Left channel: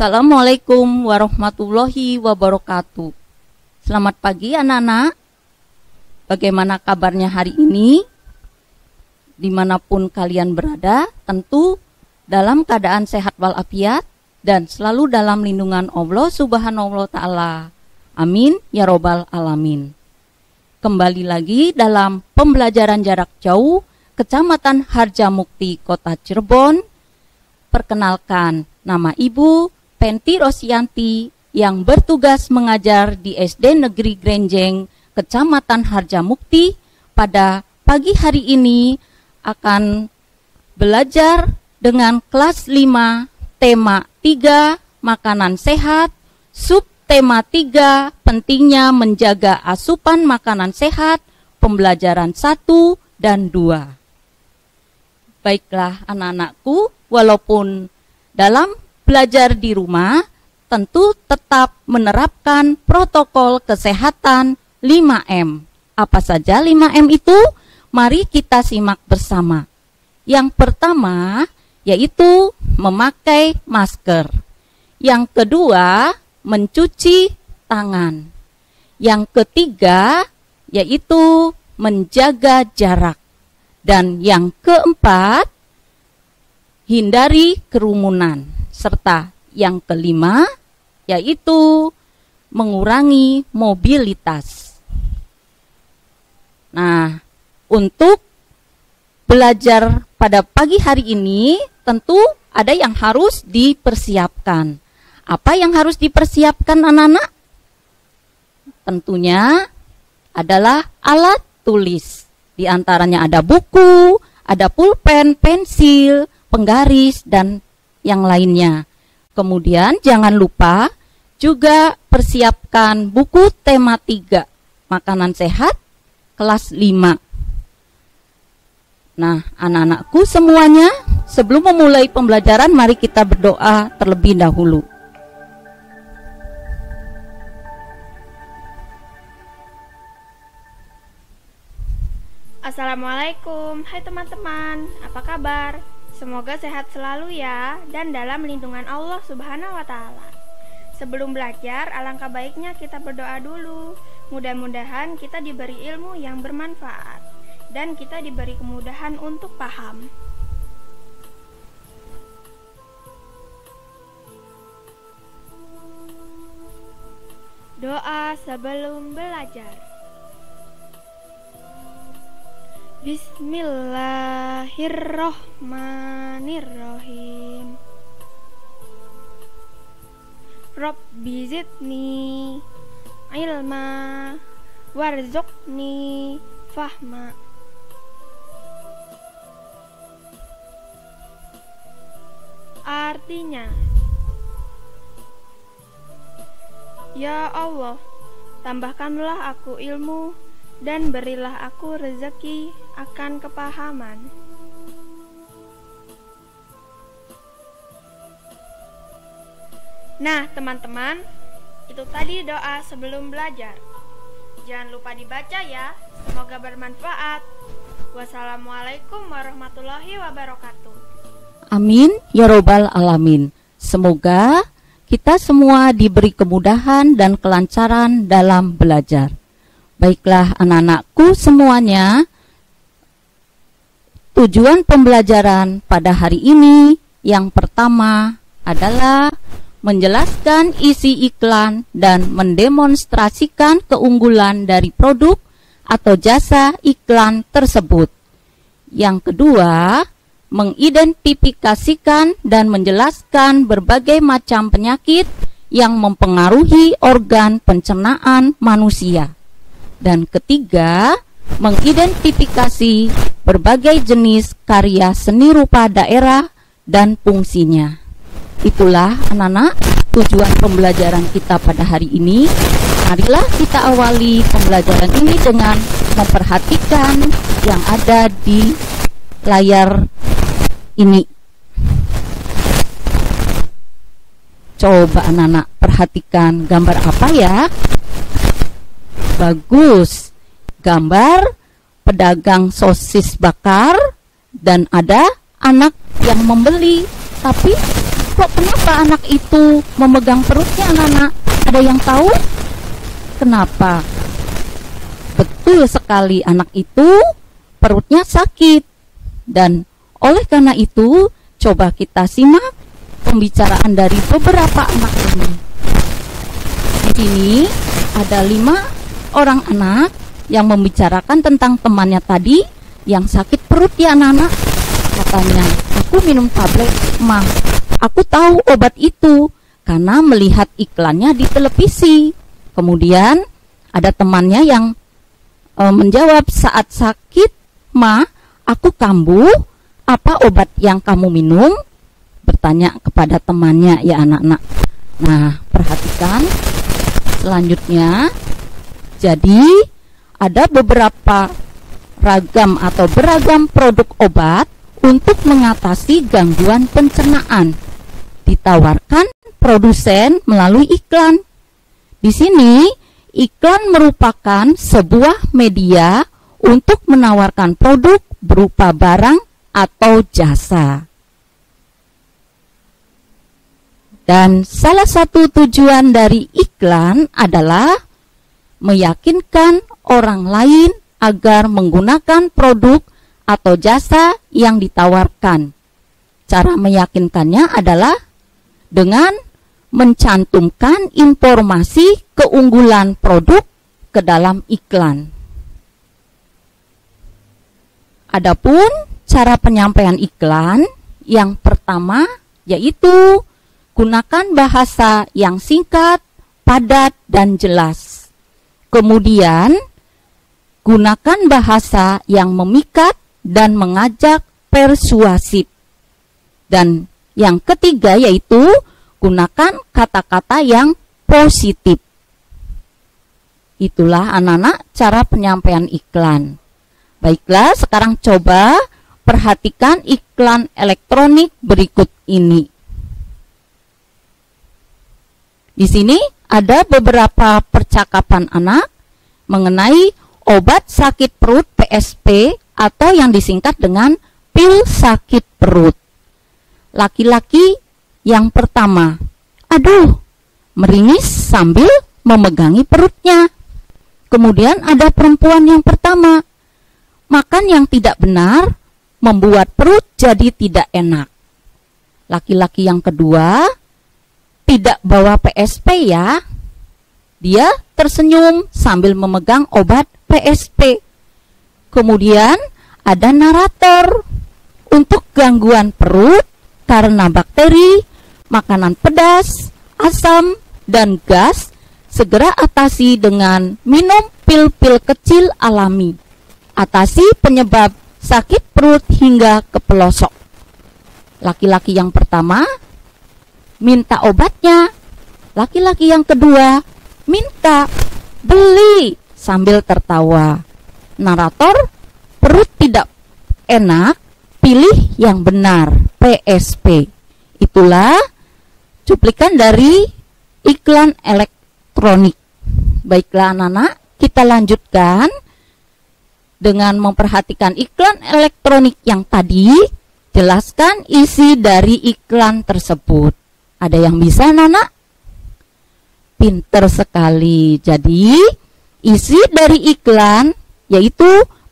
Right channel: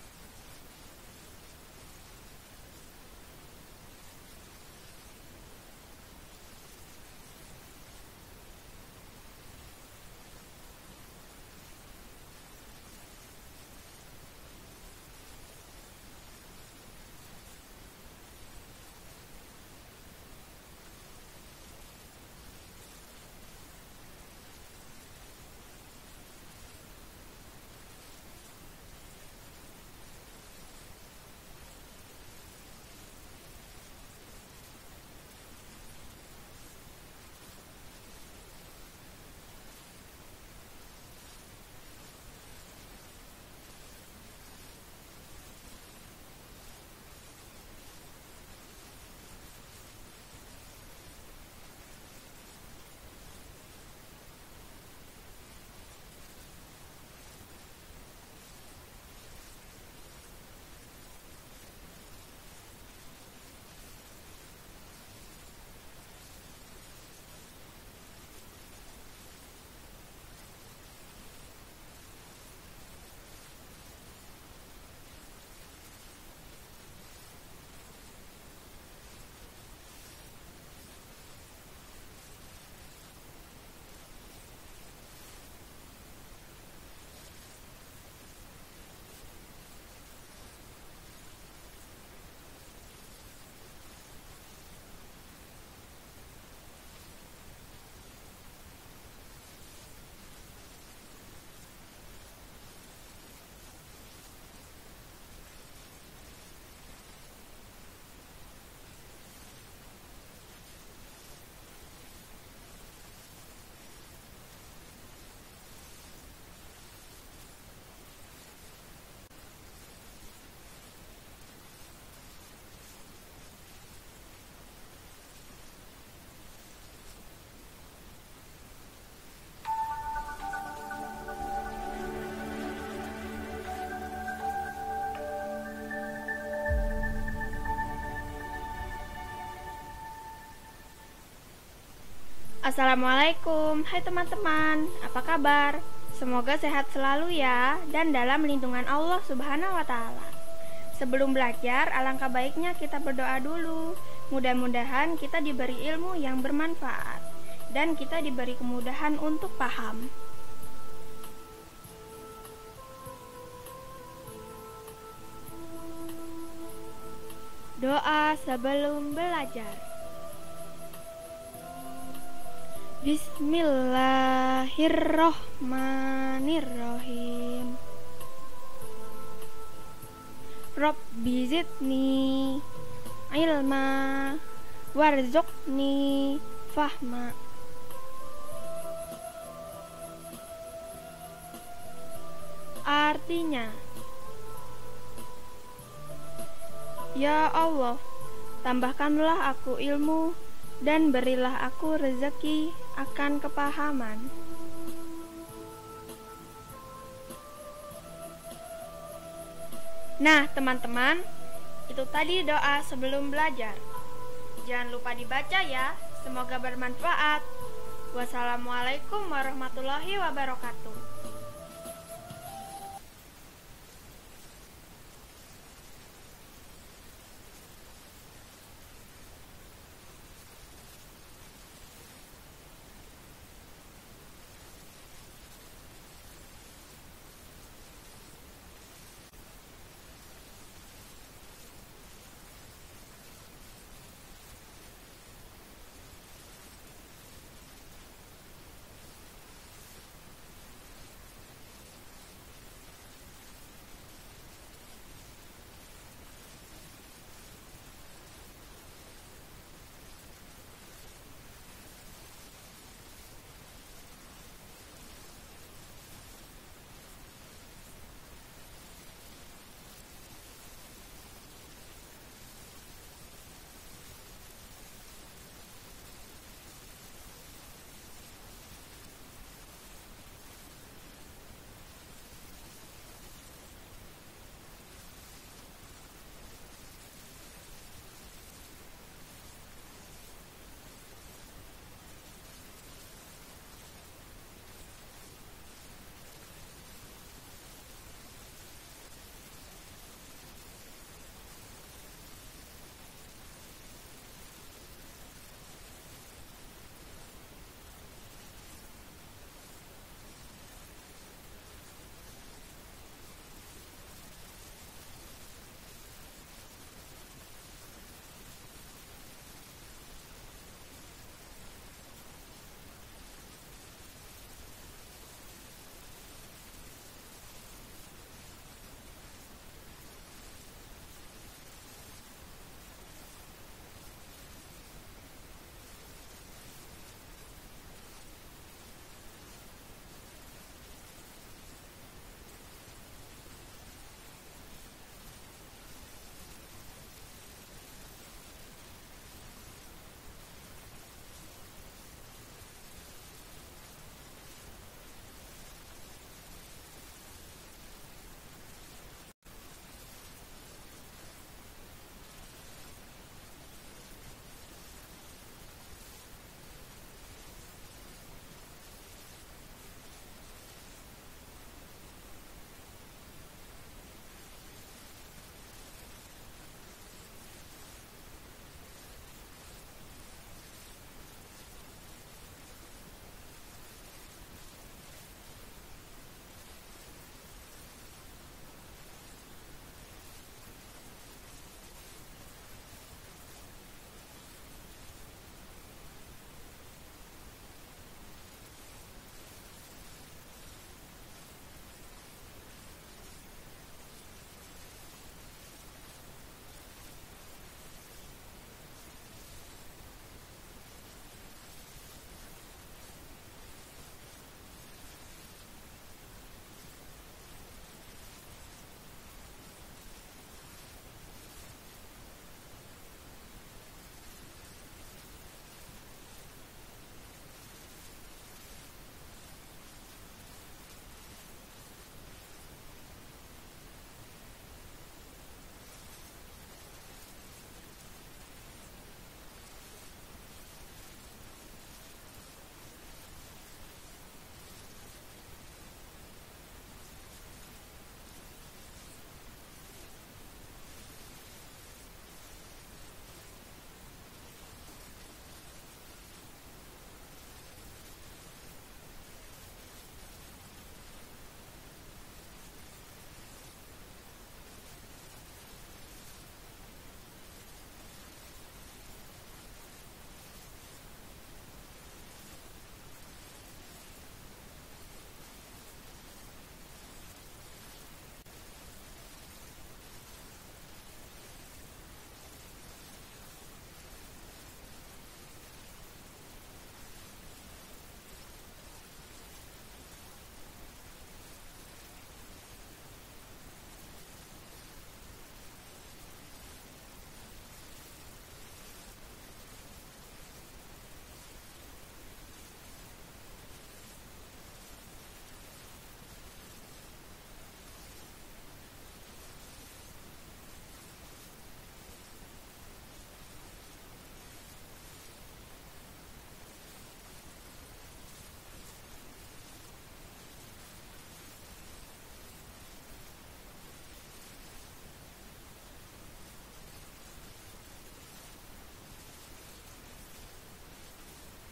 Assalamualaikum warahmatullahi wabarakatuh. Selamat pagi anak-anak. Bagaimana kabarnya hari ini? Dimanapun kalian berada, tentu dalam keadaan sehat walafiat dan selalu dalam lindungan Allah Subhanahu wa Ta'ala. Amin ya robbal alamin. Kembali lagi dalam pembelajaran jarak jauh Kecamatan Harjamukti, Kota Cirebon. Perkenalkan, nama Ibu Penti Rosianti yang bertugas mengajar di SD Negeri Grenjeng, Kecamatan Harjamukti. Pada pagi hari ini akan belajar dengan kelas 5, tema 3, makanan sehat, subtema 3, pentingnya menjaga asupan makanan sehat, pembelajaran 1 dan 2. Baiklah anak-anakku, walaupun dalam belajar di rumah, tentu tetap menerapkan protokol kesehatan 5M. Apa saja 5M itu? Mari kita simak bersama. Yang pertama yaitu memakai masker. Yang kedua, mencuci tangan. Yang ketiga yaitu menjaga jarak. Dan yang keempat, hindari kerumunan. Serta yang kelima yaitu mengurangi mobilitas. Nah, untuk belajar pada pagi hari ini tentu ada yang harus dipersiapkan. Apa yang harus dipersiapkan anak-anak? Tentunya adalah alat tulis. Di antaranya ada buku, ada pulpen, pensil, penggaris, dan yang lainnya. Kemudian jangan lupa juga persiapkan buku tema 3, makanan sehat, kelas 5. Nah, anak-anakku semuanya, sebelum memulai pembelajaran, mari kita berdoa terlebih dahulu. Assalamualaikum, hai teman-teman, apa kabar? Semoga sehat selalu ya, dan dalam lindungan Allah Subhanahu wa Ta'ala. Sebelum belajar, alangkah baiknya kita berdoa dulu. Mudah-mudahan kita diberi ilmu yang bermanfaat dan kita diberi kemudahan untuk paham. Doa sebelum belajar. Bismillahirrohmanirrohim. Rabbi zidni ilma warzuqni fahma. Artinya, ya Allah, tambahkanlah aku ilmu dan berilah aku rezeki akan kepahaman. Nah, teman-teman, itu tadi doa sebelum belajar. Jangan lupa dibaca ya, semoga bermanfaat. Wassalamualaikum warahmatullahi wabarakatuh. Amin ya robbal alamin. Semoga kita semua diberi kemudahan dan kelancaran dalam belajar. Baiklah anak-anakku semuanya, tujuan pembelajaran pada hari ini yang pertama adalah menjelaskan isi iklan dan mendemonstrasikan keunggulan dari produk atau jasa iklan tersebut. Yang kedua, mengidentifikasikan dan menjelaskan berbagai macam penyakit yang mempengaruhi organ pencernaan manusia. Dan ketiga, mengidentifikasi berbagai jenis karya seni rupa daerah dan fungsinya. Itulah anak-anak tujuan pembelajaran kita pada hari ini. Marilah kita awali pembelajaran ini dengan memperhatikan yang ada di layar ini. Coba anak-anak perhatikan gambar apa ya? Bagus. Gambar pedagang sosis bakar dan ada anak yang membeli. Tapi kok kenapa anak itu memegang perutnya anak-anak? Ada yang tahu? Kenapa? Betul sekali, anak itu perutnya sakit. Dan oleh karena itu, coba kita simak pembicaraan dari beberapa anak ini. Di sini ada 5 orang anak yang membicarakan tentang temannya tadi yang sakit perut ya anak-anak. Katanya, aku minum tablet, Ma. Aku tahu obat itu karena melihat iklannya di televisi. Kemudian ada temannya yang menjawab, saat sakit, Ma, aku kambuh. Apa obat yang kamu minum? Bertanya kepada temannya ya anak-anak. Nah, perhatikan selanjutnya. Jadi ada beberapa ragam atau beragam produk obat untuk mengatasi gangguan pencernaan. Ditawarkan produsen melalui iklan. Di sini iklan merupakan sebuah media untuk menawarkan produk berupa barang atau jasa. Dan salah satu tujuan dari iklan adalah meyakinkan orang lain agar menggunakan produk atau jasa yang ditawarkan. Cara meyakinkannya adalah dengan mencantumkan informasi keunggulan produk ke dalam iklan. Adapun cara penyampaian iklan yang pertama yaitu gunakan bahasa yang singkat, padat, dan jelas. Kemudian, gunakan bahasa yang memikat dan mengajak persuasif. Dan yang ketiga yaitu gunakan kata-kata yang positif. Itulah anak-anak cara penyampaian iklan. Baiklah, sekarang coba perhatikan iklan elektronik berikut ini. Di sini ada beberapa percakapan anak mengenai obat sakit perut PSP atau yang disingkat dengan pil sakit perut. Laki-laki yang pertama, aduh, meringis sambil memegangi perutnya. Kemudian ada perempuan yang pertama, makan yang tidak benar membuat perut jadi tidak enak. Laki-laki yang kedua, tidak bawa PSP ya. Dia tersenyum sambil memegang obat PSP. Kemudian ada narator. Untuk gangguan perut karena bakteri, makanan pedas, asam, dan gas, segera atasi dengan minum pil-pil kecil alami. Atasi penyebab sakit perut hingga ke pelosok. Laki-laki yang pertama minta obatnya. Laki-laki yang kedua minta beli sambil tertawa. Narator, perut tidak enak, pilih yang benar, PSP. Itulah cuplikan dari iklan elektronik. Baiklah anak-anak, kita lanjutkan dengan memperhatikan iklan elektronik yang tadi. Jelaskan isi dari iklan tersebut. Ada yang bisa anak-anak? Pinter sekali. Jadi isi dari iklan yaitu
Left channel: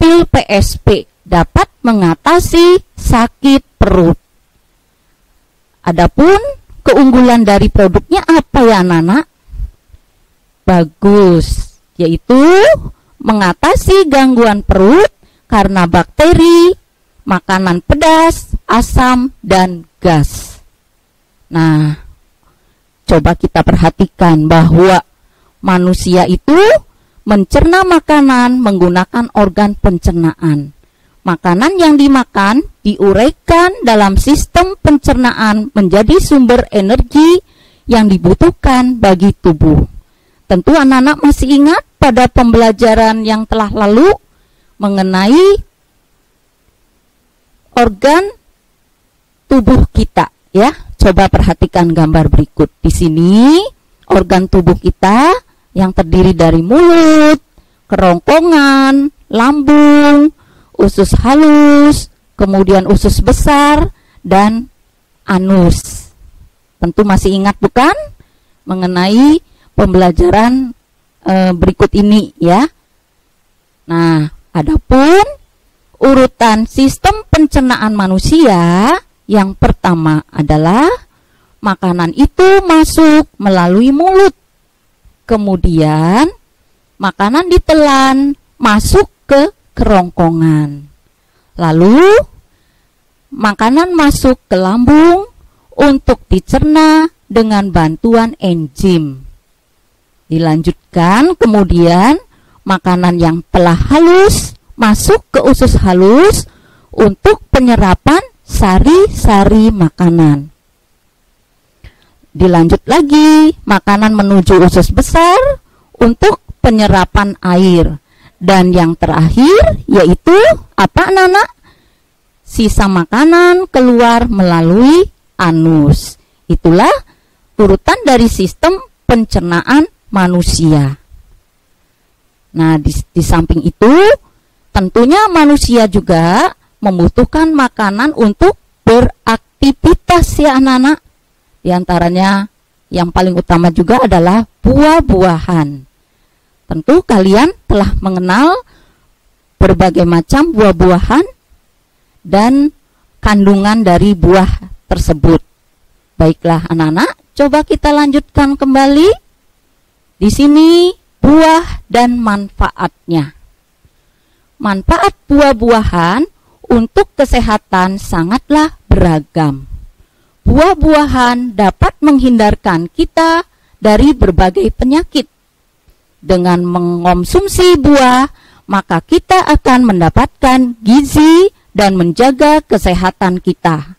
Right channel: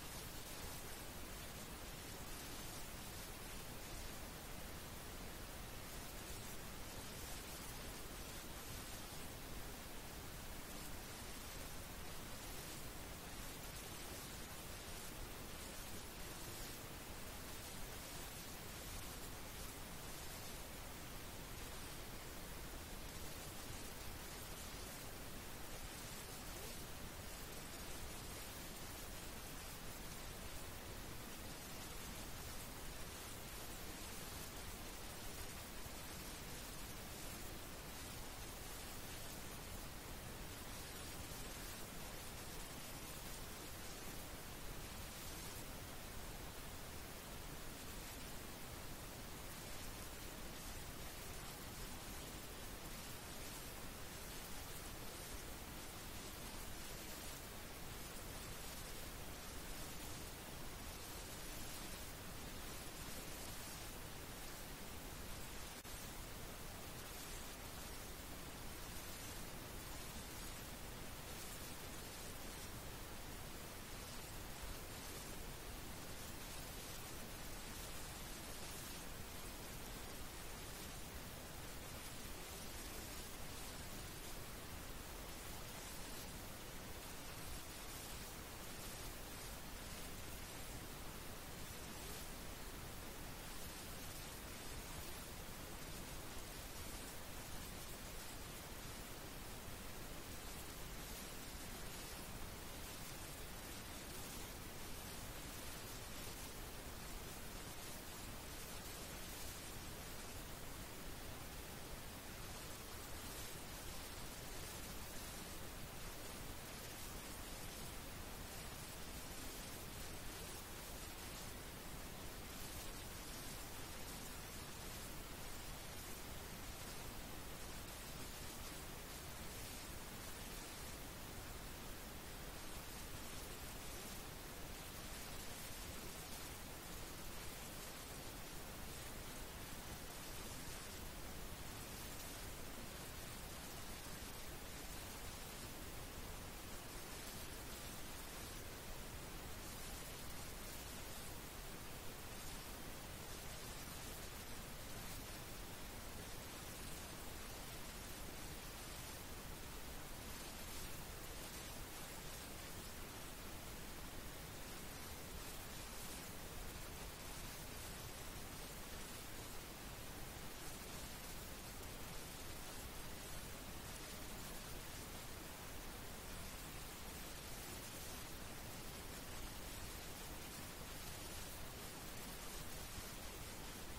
pil PSP dapat mengatasi sakit perut. Adapun keunggulan dari produknya apa ya anak-anak? Bagus, yaitu mengatasi gangguan perut karena bakteri, makanan pedas, asam, dan gas. Nah, coba kita perhatikan bahwa manusia itu mencerna makanan menggunakan organ pencernaan. Makanan yang dimakan diuraikan dalam sistem pencernaan menjadi sumber energi yang dibutuhkan bagi tubuh. Tentu anak-anak masih ingat pada pembelajaran yang telah lalu mengenai organ tubuh kita, ya. Coba perhatikan gambar berikut. Di sini organ tubuh kita yang terdiri dari mulut, kerongkongan, lambung, usus halus, kemudian usus besar, dan anus. Tentu masih ingat bukan? Mengenai pembelajaran berikut ini ya. Nah, adapun urutan sistem pencernaan manusia, yang pertama adalah makanan itu masuk melalui mulut. Kemudian makanan ditelan masuk ke kerongkongan. Lalu makanan masuk ke lambung untuk dicerna dengan bantuan enzim. Dilanjutkan kemudian makanan yang telah halus masuk ke usus halus untuk penyerapan sari-sari makanan. Dilanjut lagi, makanan menuju usus besar untuk penyerapan air. Dan yang terakhir yaitu apa anak-anak? Sisa makanan keluar melalui anus. Itulah urutan dari sistem pencernaan manusia. Nah, di samping itu tentunya manusia juga membutuhkan makanan untuk beraktivitas ya anak-anak. Di antaranya yang paling utama juga adalah buah-buahan. Tentu kalian telah mengenal berbagai macam buah-buahan dan kandungan dari buah tersebut. Baiklah anak-anak, coba kita lanjutkan kembali. Di sini buah dan manfaatnya. Manfaat buah-buahan untuk kesehatan sangatlah beragam. Buah-buahan dapat menghindarkan kita dari berbagai penyakit. Dengan mengonsumsi buah, maka kita akan mendapatkan gizi dan menjaga kesehatan kita.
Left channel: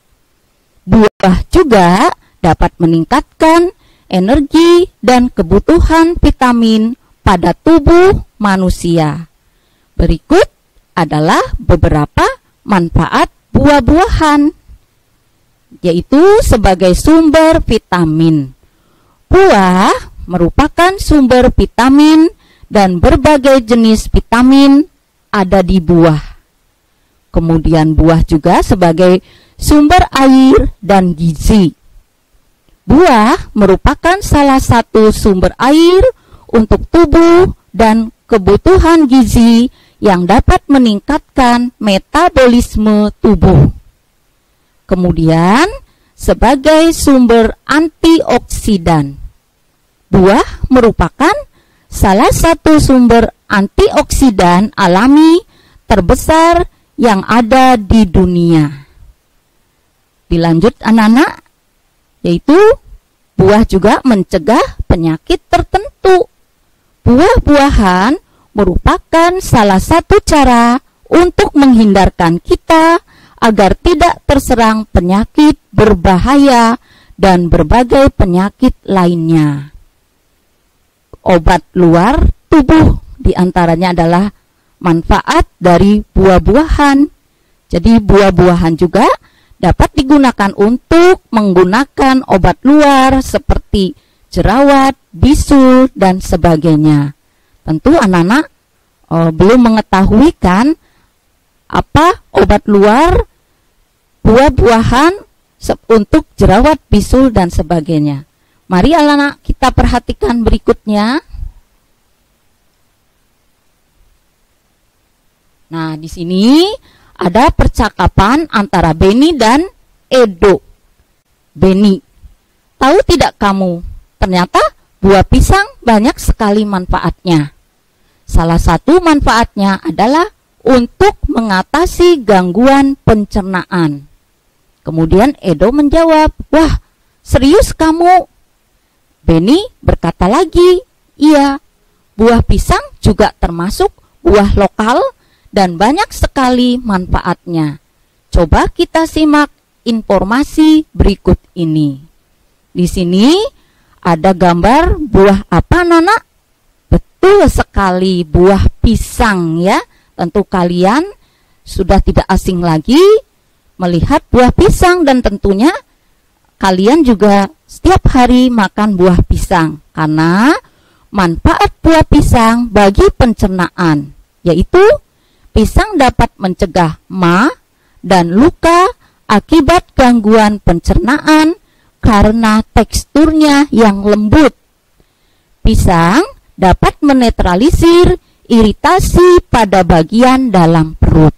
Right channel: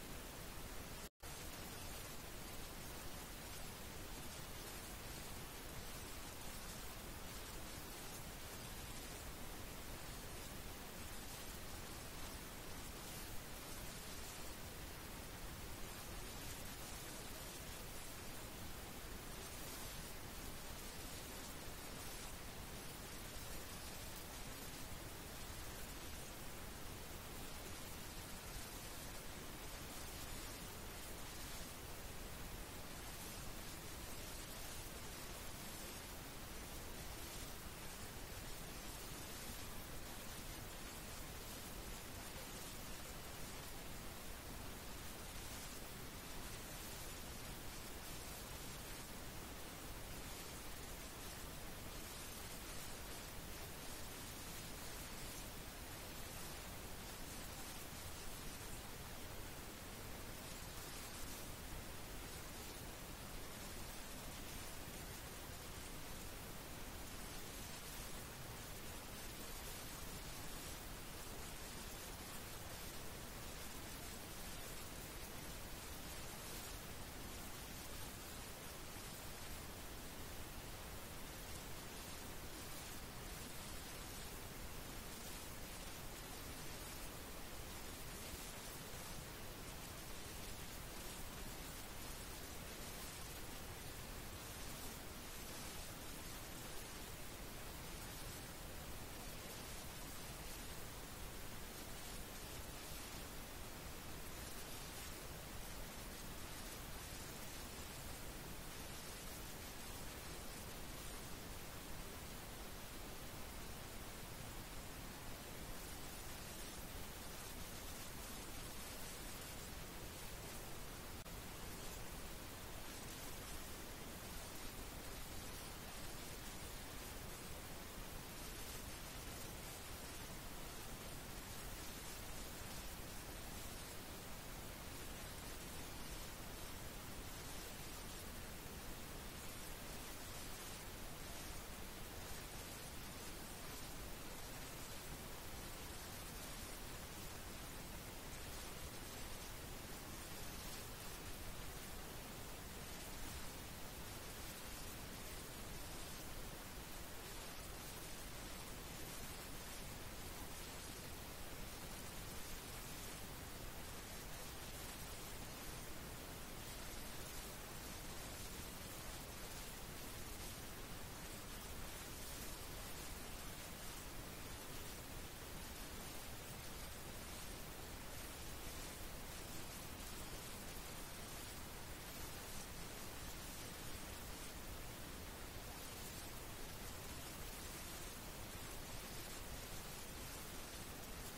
Buah juga dapat meningkatkan energi dan kebutuhan vitamin pada tubuh manusia. Berikut adalah beberapa manfaat buah-buahan, yaitu sebagai sumber vitamin. Buah merupakan sumber vitamin dan berbagai jenis vitamin ada di buah. Kemudian buah juga sebagai sumber air dan gizi. Buah merupakan salah satu sumber air untuk tubuh dan kebutuhan gizi yang dapat meningkatkan metabolisme tubuh. Kemudian sebagai sumber antioksidan. Buah merupakan salah satu sumber antioksidan alami terbesar yang ada di dunia. Dilanjut anak-anak, yaitu buah juga mencegah penyakit tertentu. Buah-buahan merupakan salah satu cara untuk menghindarkan kita agar tidak terserang penyakit berbahaya dan berbagai penyakit lainnya. Obat luar tubuh diantaranya adalah manfaat dari buah-buahan. Jadi buah-buahan juga dapat digunakan untuk menggunakan obat luar seperti jerawat, bisul, dan sebagainya. Tentu anak-anak belum mengetahui kan apa obat luar buah-buahan untuk jerawat, bisul, dan sebagainya. Mari anak-anak kita perhatikan berikutnya. Nah, di sini ada percakapan antara Beni dan Edo. Beni, tahu tidak kamu, ternyata buah pisang banyak sekali manfaatnya. Salah satu manfaatnya adalah untuk mengatasi gangguan pencernaan. Kemudian Edo menjawab, wah, serius kamu? Beni berkata lagi, iya, buah pisang juga termasuk buah lokal dan banyak sekali manfaatnya. Coba kita simak informasi berikut ini. Di sini ada gambar buah apa, Nana? Betul sekali, buah pisang ya. Tentu kalian sudah tidak asing lagi melihat buah pisang dan tentunya kalian juga setiap hari makan buah pisang karena manfaat buah pisang bagi pencernaan, yaitu pisang dapat mencegah ma dan luka akibat gangguan pencernaan karena teksturnya yang lembut. Pisang dapat menetralisir iritasi pada bagian dalam perut.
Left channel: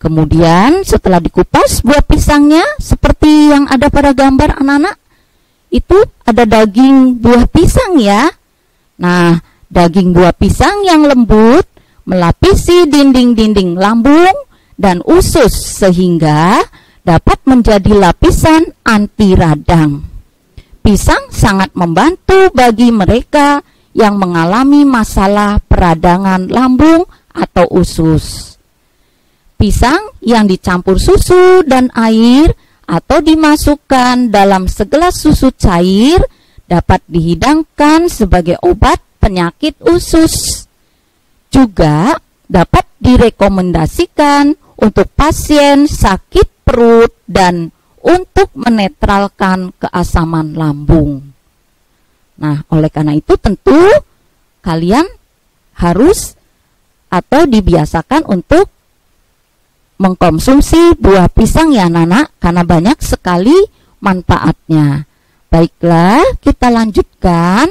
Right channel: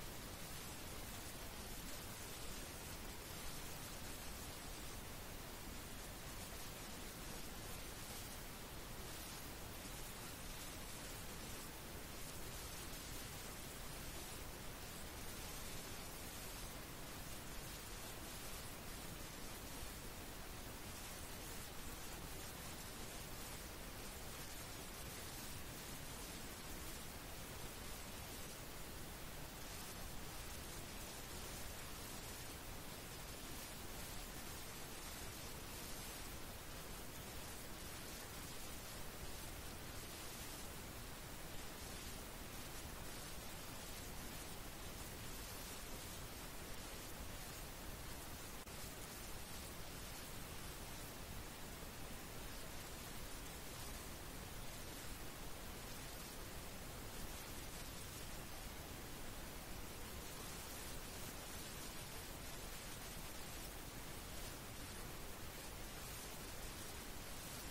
Kemudian setelah dikupas buah pisangnya seperti yang ada pada gambar anak-anak, itu ada daging buah pisang ya. Nah, daging buah pisang yang lembut melapisi dinding-dinding lambung dan usus sehingga dapat menjadi lapisan anti radang. Pisang sangat membantu bagi mereka yang mengalami masalah peradangan lambung atau usus. Pisang yang dicampur susu dan air atau dimasukkan dalam segelas susu cair dapat dihidangkan sebagai obat penyakit usus. Juga dapat direkomendasikan untuk pasien sakit perut dan untuk menetralkan keasaman lambung. Nah, oleh karena itu tentu kalian harus atau dibiasakan untuk mengkonsumsi buah pisang ya anak-anak, karena banyak sekali manfaatnya. Baiklah, kita lanjutkan.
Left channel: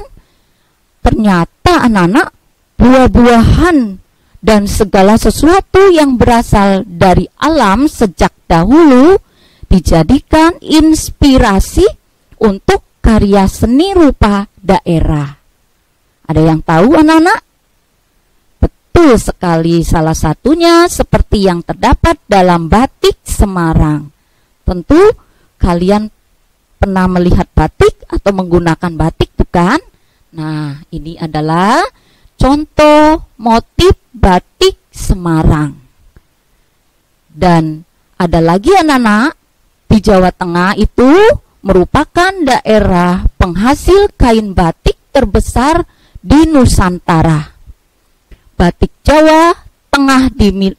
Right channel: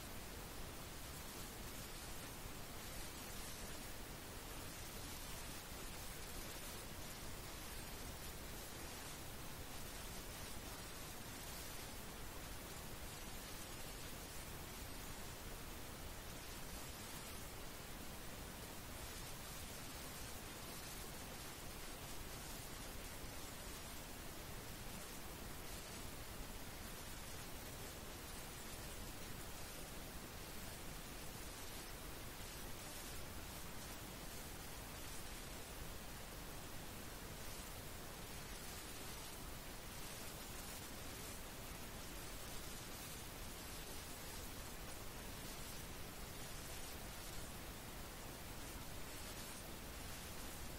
Ternyata anak-anak, buah-buahan dan segala sesuatu yang berasal dari alam sejak dahulu dijadikan inspirasi untuk karya seni rupa daerah. Ada yang tahu anak-anak? Betul sekali, salah satunya seperti yang terdapat dalam batik Semarang. Tentu kalian pernah melihat batik atau menggunakan batik bukan? Nah, ini adalah contoh motif batik Semarang. Dan ada lagi anak-anak, di Jawa Tengah itu merupakan daerah penghasil kain batik terbesar di Nusantara. Batik Jawa Tengah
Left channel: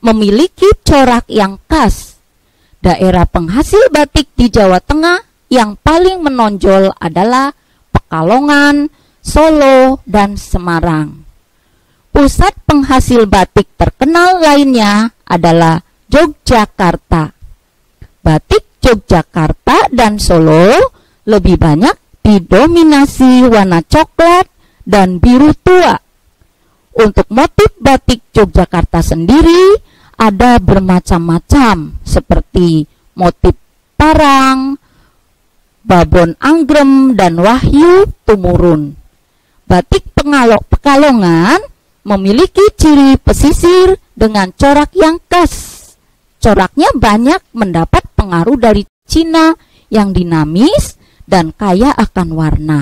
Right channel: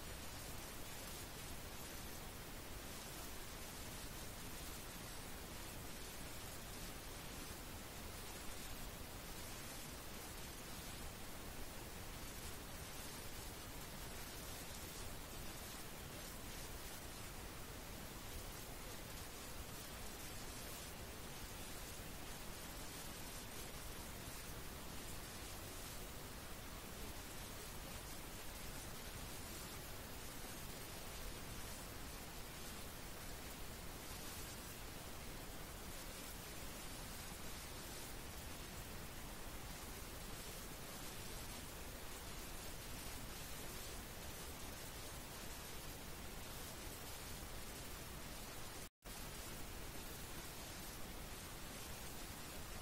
memiliki corak yang khas. Daerah penghasil batik di Jawa Tengah yang paling menonjol adalah Pekalongan, Solo, dan Semarang. Pusat penghasil batik terkenal lainnya adalah Yogyakarta. Batik Yogyakarta dan Solo lebih banyak didominasi warna coklat dan biru tua. Untuk motif batik Yogyakarta sendiri ada bermacam-macam seperti motif parang, babon anggrem, dan wahyu tumurun. Batik Pekalongan memiliki ciri pesisir dengan corak yang khas. Coraknya banyak mendapat pengaruh dari Cina yang dinamis dan kaya akan warna.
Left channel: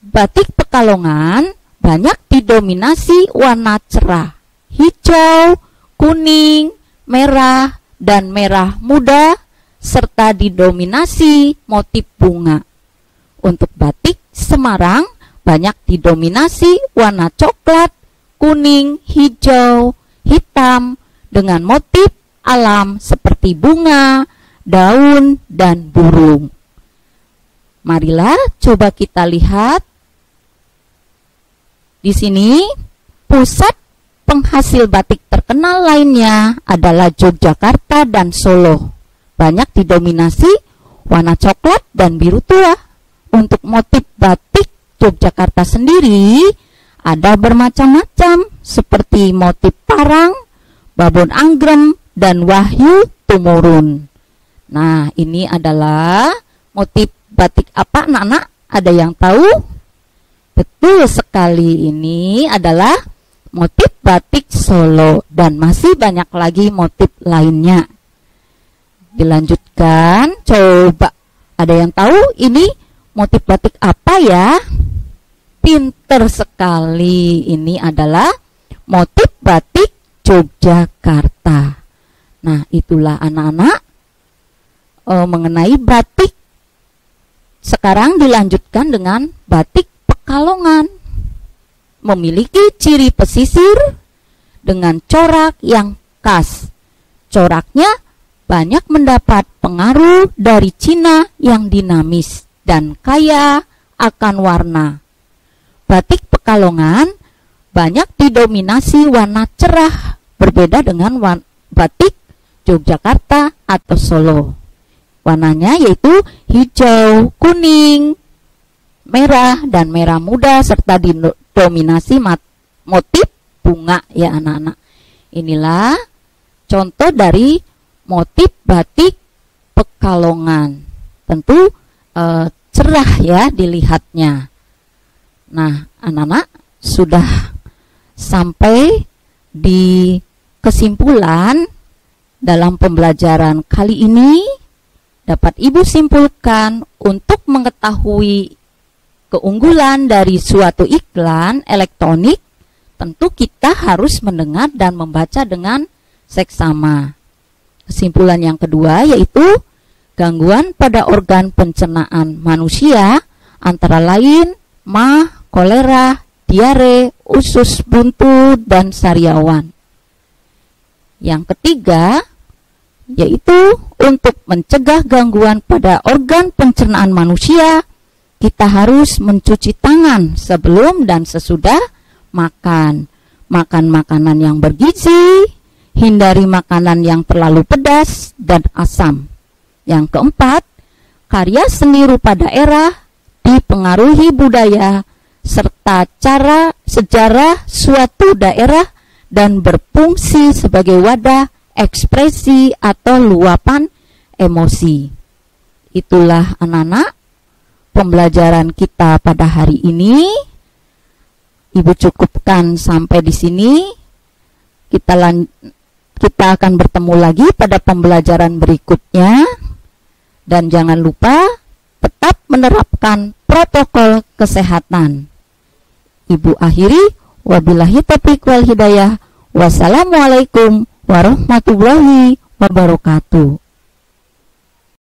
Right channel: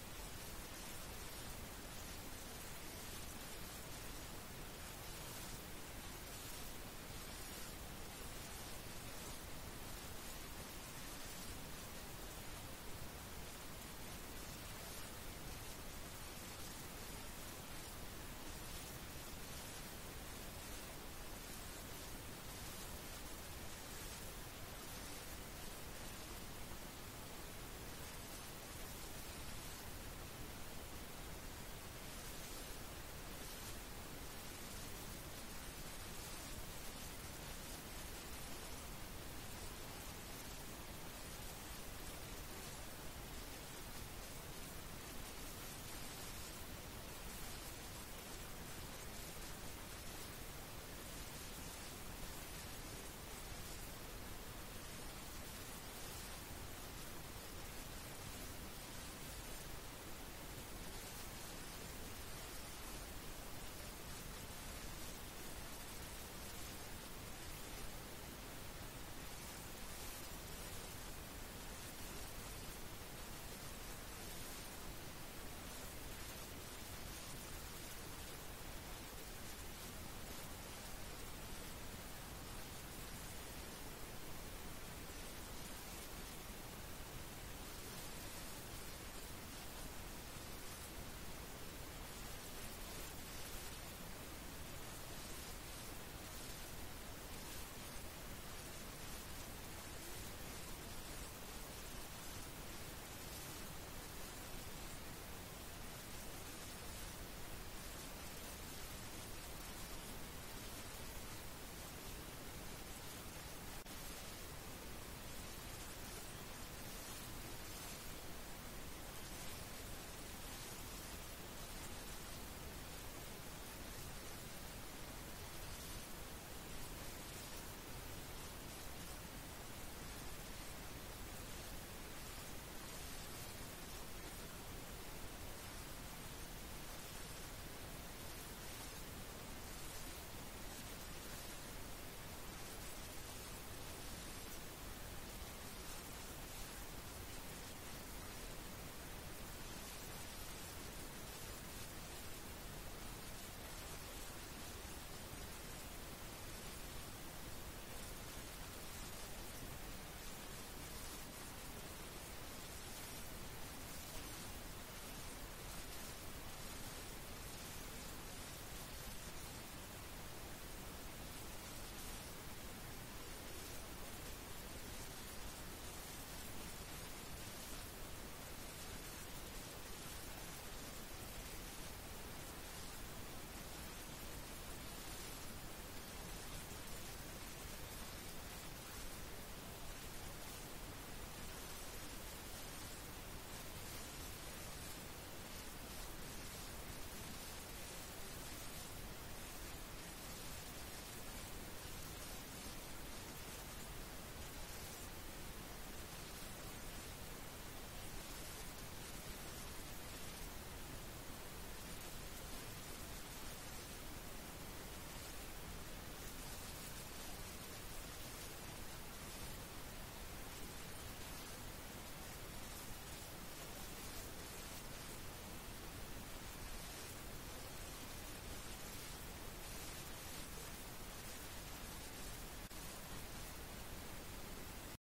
Batik Pekalongan banyak didominasi warna cerah, hijau, kuning, merah, dan merah muda, serta didominasi motif bunga. Untuk batik Semarang banyak didominasi warna coklat, kuning, hijau, hitam, dengan motif alam seperti bunga, daun, dan burung. Marilah coba kita lihat. Di sini, pusat penghasil batik terkenal lainnya adalah Yogyakarta dan Solo. Banyak didominasi warna coklat dan biru tua. Untuk motif batik Yogyakarta sendiri ada bermacam-macam seperti motif parang, babon anggrem, dan wahyu tumurun. Nah, ini adalah motif batik apa anak-anak? Ada yang tahu? Betul sekali, ini adalah motif batik Solo dan masih banyak lagi motif lainnya. Dilanjutkan, coba ada yang tahu ini motif batik apa ya? Pinter sekali, ini adalah motif batik Yogyakarta. Nah, itulah anak-anak mengenai batik. Sekarang dilanjutkan dengan batik Pekalongan. Memiliki ciri pesisir dengan corak yang khas. Coraknya banyak mendapat pengaruh dari Cina yang dinamis dan kaya akan warna. Batik Pekalongan banyak didominasi warna cerah, berbeda dengan batik Yogyakarta atau Solo. warnanya yaitu hijau, kuning, merah, dan merah muda serta didominasi motif bunga ya anak-anak. Inilah contoh dari motif batik Pekalongan. Tentu cerah ya dilihatnya. Nah, anak-anak sudah sampai di kesimpulan dalam pembelajaran kali ini. Dapat Ibu simpulkan untuk mengetahui keunggulan dari suatu iklan elektronik, tentu kita harus mendengar dan membaca dengan seksama. Kesimpulan yang kedua yaitu gangguan pada organ pencernaan manusia antara lain mah, kolera, diare, usus buntu, dan sariawan. Yang ketiga yaitu untuk mencegah gangguan pada organ pencernaan manusia, kita harus mencuci tangan sebelum dan sesudah makan. Makan makanan yang bergizi, hindari makanan yang terlalu pedas dan asam. Yang keempat, karya seni rupa daerah dipengaruhi budaya serta cara sejarah suatu daerah dan berfungsi sebagai wadah ekspresi atau luapan emosi. Itulah anak-anak pembelajaran kita pada hari ini. Ibu cukupkan sampai di sini. Kita akan bertemu lagi pada pembelajaran berikutnya. Dan jangan lupa tetap menerapkan protokol kesehatan. Ibu akhiri, wabillahi taufiq wal hidayah. Wassalamualaikum warahmatullahi wabarakatuh.